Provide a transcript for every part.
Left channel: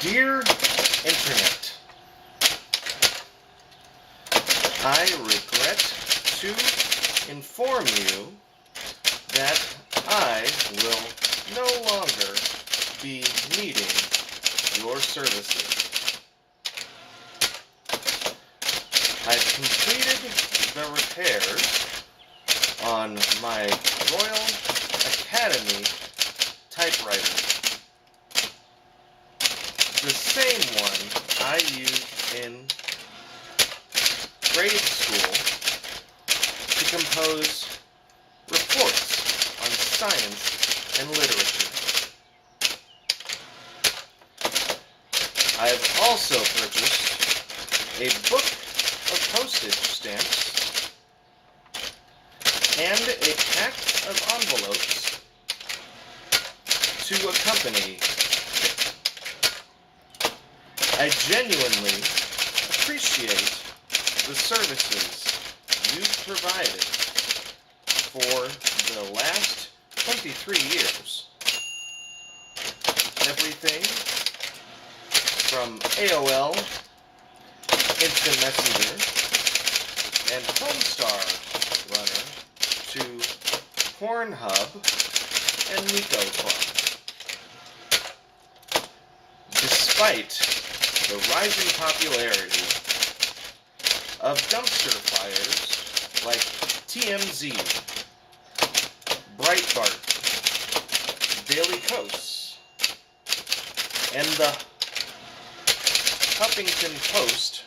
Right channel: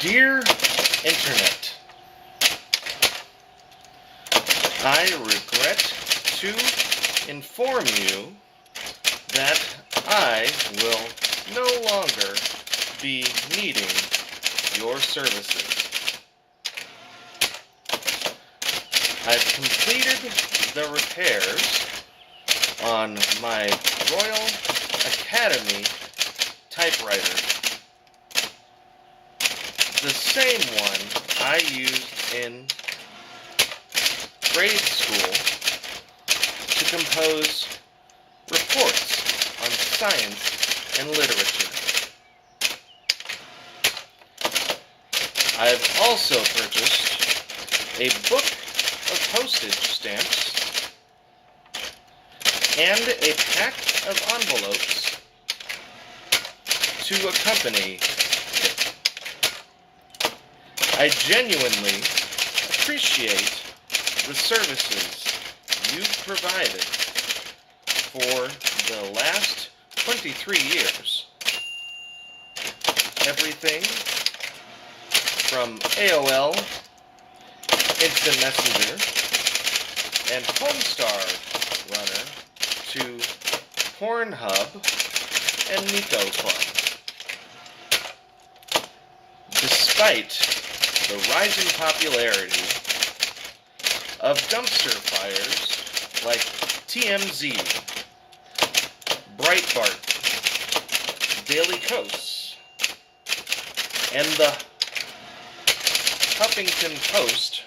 Dear Internet, I regret to inform you that I will no longer be needing your services. I've completed the repairs on my Royal Academy typewriter. The same one I used in grade school to compose reports on science and literature. I have also purchased a book of postage stamps and a pack of envelopes to accompany it. I genuinely appreciate the services you've provided for the last 23 years. Everything from AOL, Instant Messenger, and Homestar Runner to Pornhub and Nico Club. Despite the rising popularity of dumpster fires like TMZ, Breitbart, Daily Kos, and the Huffington Post,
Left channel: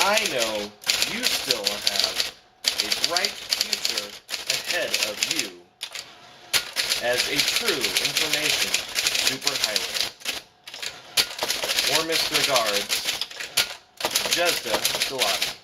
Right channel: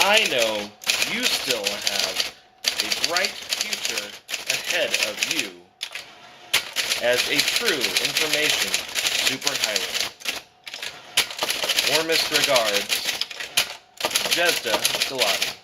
I know you still have a bright future ahead of you as a true information superhighway. Warmest regards, Jezda Salati.